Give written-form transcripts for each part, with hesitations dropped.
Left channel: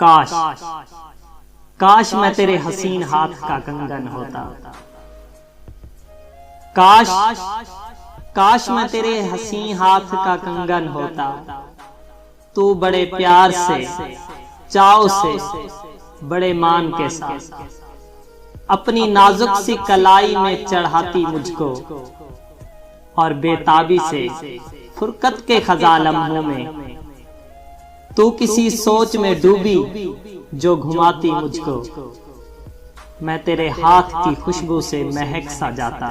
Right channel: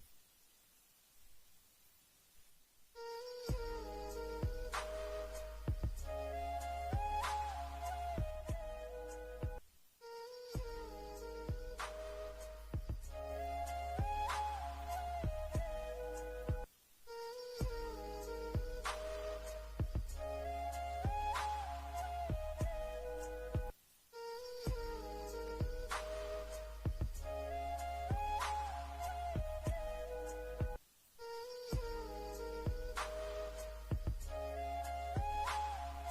काश काश मैं तेरे हसीन हाथ का कंगन होता। काश काश मैं तेरे हसीन हाथ का कंगन होता। तू बड़े प्यार से, चाव से, बड़े मान के साथ अपनी नाजुक सी कलाई में चढ़ाती मुझको, और बेताबी से फुरकत के खज़ा लम्हों में तू किसी सोच में डूबी जो घुमाती मुझको। मैं तेरे हाथ की खुशबू से महक सा जाता।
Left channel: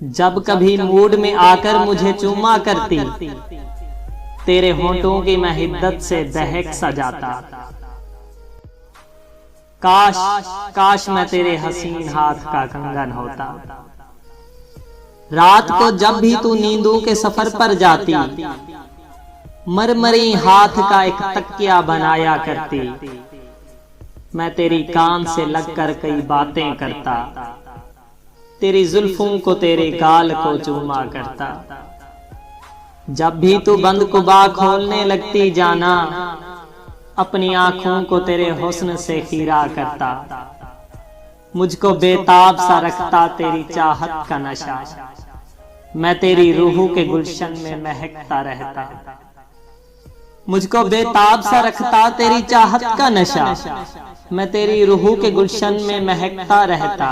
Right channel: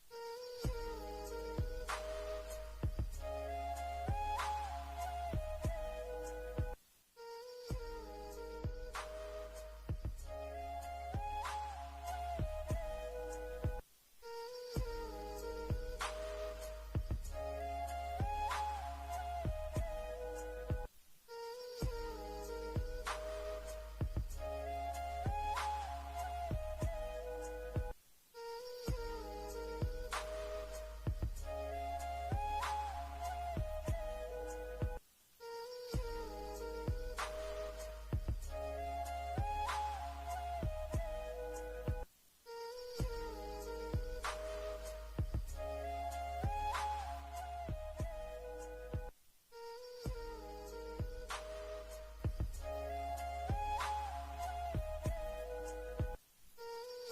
जब कभी मूड में आकर मुझे चूमा करती, तेरे होंठों की मैं हिद्दत से दहक सा जाता। काश काश मैं तेरे हसीन हाथ का कंगन होता। रात को जब भी तू नींदों के सफर पर जाती, मरमरी हाथ का एक तकिया बनाया करती। मैं तेरी कान से लगकर कई बातें करता, तेरी जुल्फों को तेरे गाल को चूमा करता। जब भी तू बंद कुबा खोलने लगती जाना, अपनी आंखों को तेरे हुस्न से खीरा करता। मुझको बेताब सा रखता तेरी चाहत का नशा, मैं तेरी रूह के गुलशन में महकता रहता। मुझको बेताब सा रखता तेरी चाहत का नशा, मैं तेरी रूह के गुलशन में महकता रहता।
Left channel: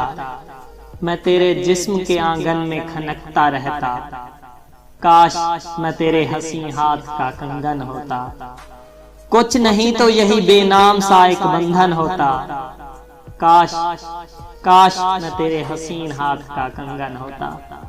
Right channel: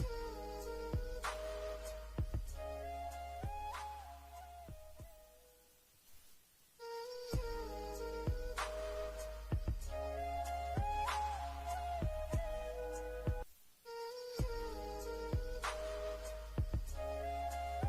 मैं तेरे जिस्म के आंगन में खनकता रहता। काश मैं तेरे हसीन हाथ का कंगन होता। कुछ नहीं तो यही बेनाम सा एक बंधन होता। काश काश मैं तेरे हसीन हाथ का कंगन होता।